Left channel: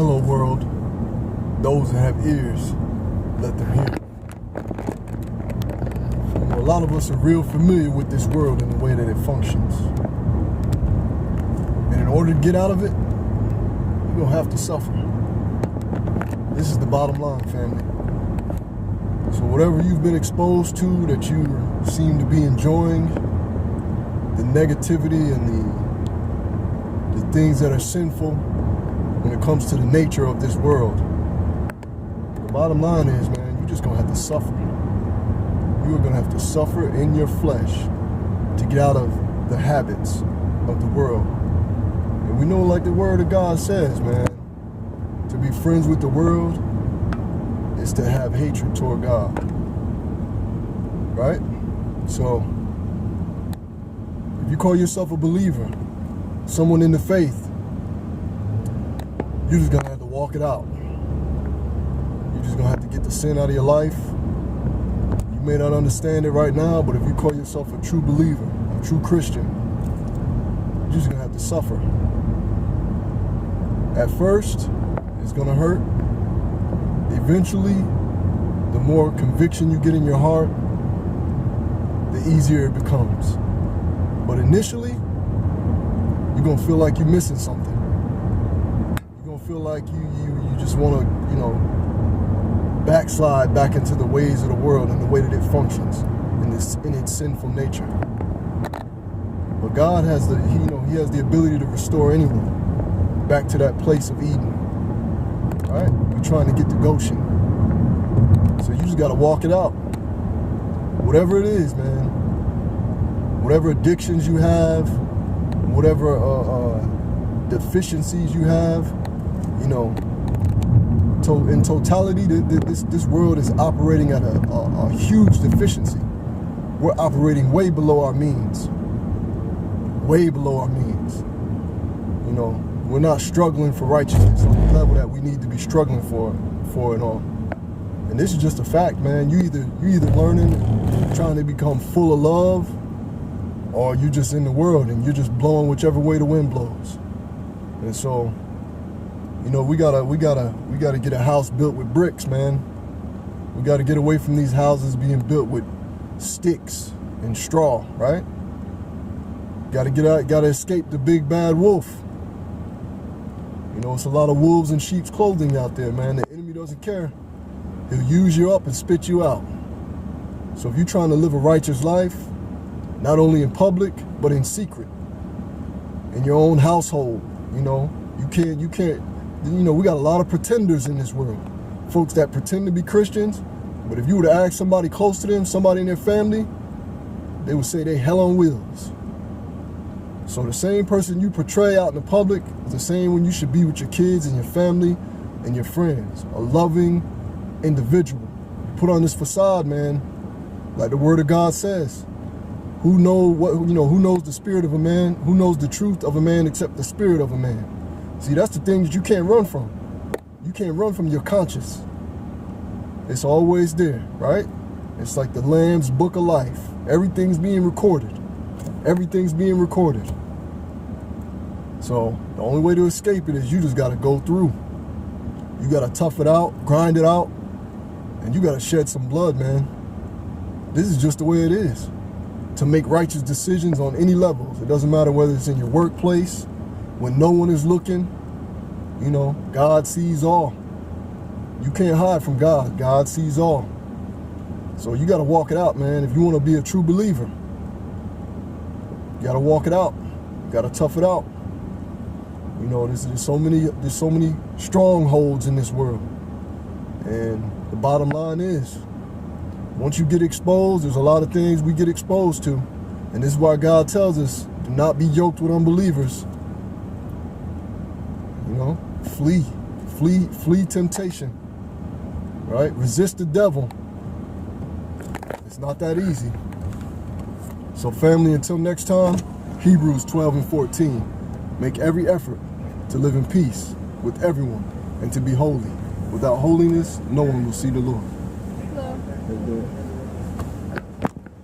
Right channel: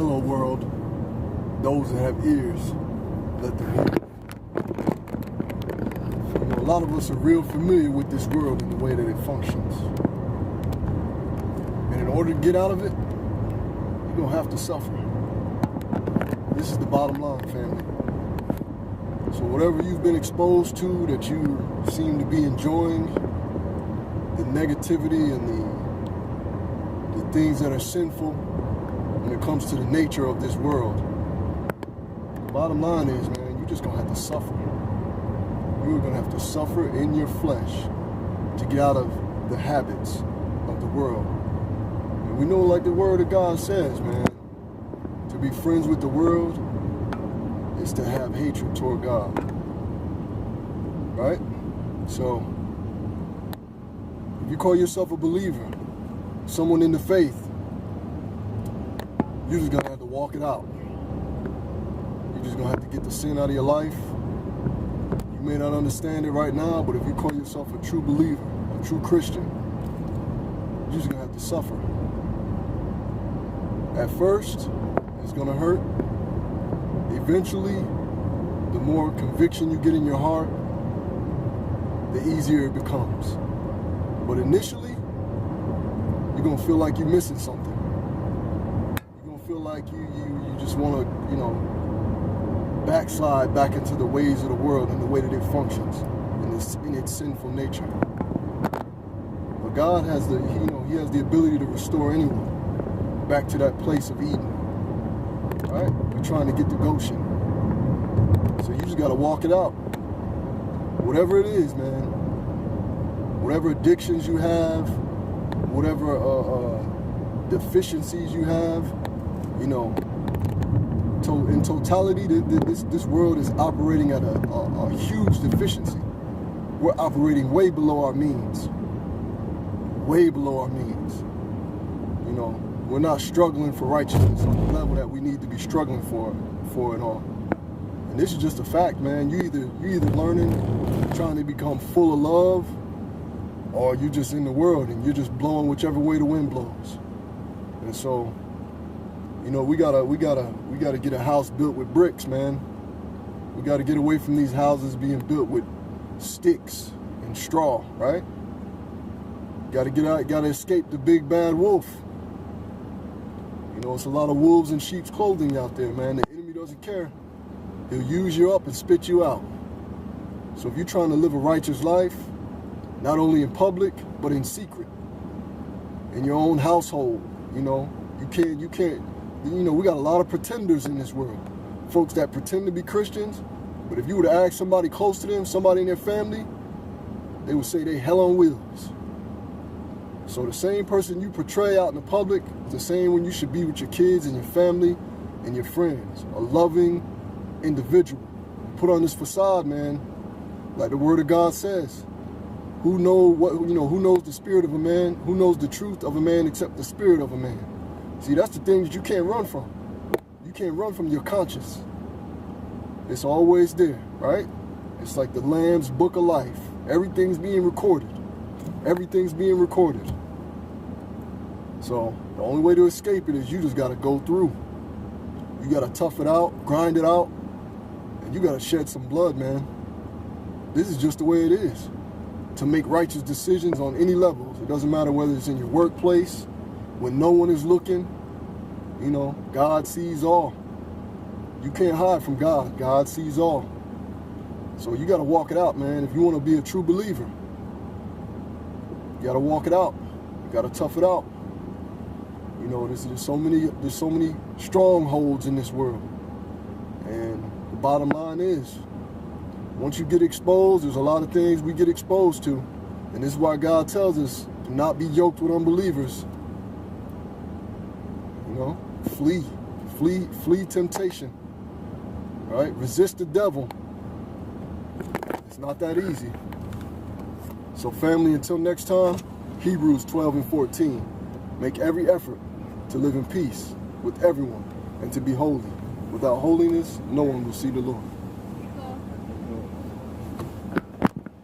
Hello world, those that have ears, let them hear. A lot of us are real familiar with this world and the way that it functions. And in order to get out of it, you're going to have to suffer. This is the bottom line, family. So whatever you've been exposed to that you seem to be enjoying, the negativity and the things that are sinful when it comes to the nature of this world, the bottom line is, man, you're just going to have to suffer. You are going to have to suffer in your flesh to get out of the habits of the world. And we know, like the word of God says, man, to be friends with the world is to have hatred toward God. Right? So, if you call yourself a believer, someone in the faith, you're just going to have to walk it out. You're just going to have to get the sin out of your life. You may not understand it right now, but if you call yourself a true believer, a true Christian, you're just going to have to suffer. At first, it's going to hurt. Eventually, the more conviction you get in your heart, the easier it becomes. But initially, you're going to feel like you're missing something. You're going to feel like you just want to, backslide back into the ways of the world and the way that it functions in its sinful nature. But God has He has the ability to restore anyone back to that place of Eden. All right? You're trying to get to Goshen. So you just got to walk it out. Whatever it is, man. Whatever addictions you have, whatever deficiencies you have, in totality, this world is operating at a huge deficiency. We're operating way below our means. Way below our means. We're not struggling for righteousness on the level that we need to be struggling for and all. And this is just a fact, man. You either learning and trying to become full of love, or you're just in the world and you're just blowing whichever way the wind blows. And so, we gotta get a house built with bricks, man. We gotta get away from these houses being built with sticks and straw, right? Gotta get out, gotta escape the big bad wolf. It's a lot of wolves in sheep's clothing out there, man. The enemy doesn't care. He'll use you up and spit you out. So if you're trying to live a righteous life, not only in public, but in secret, in your own household, you can't, we got a lot of pretenders in this world. Folks that pretend to be Christians, but if you were to ask somebody close to them, somebody in their family, they would say they hell on wheels. So the same person you portray out in the public is the same one you should be with your kids and your family and your friends. A loving individual. You put on this facade, man, like the word of God says. Who knows the spirit of a man? Who knows the truth of a man except the spirit of a man? See, that's the thing that you can't run from. You can't run from your conscience. It's always there, right? It's like the Lamb's book of life. Everything's being recorded. Everything's being recorded. So the only way to escape it is you just got to go through. You got to tough it out, grind it out, and you got to shed some blood, man. This is just the way it is. To make righteous decisions on any levels. It doesn't matter whether it's in your workplace, when no one is looking. God sees all. You can't hide from God. God sees all. So you got to walk it out, man. If you want to be a true believer, you got to walk it out. You got to tough it out. There's so many strongholds in this world. And the bottom line is, once you get exposed, there's a lot of things we get exposed to. And this is why God tells us, do not be yoked with unbelievers. Flee temptation, right? Resist the devil. It's not that easy. So family, until next time, Hebrews 12 and 14. Make every effort to live in peace with everyone and to be holy. Without holiness, no one will see the Lord.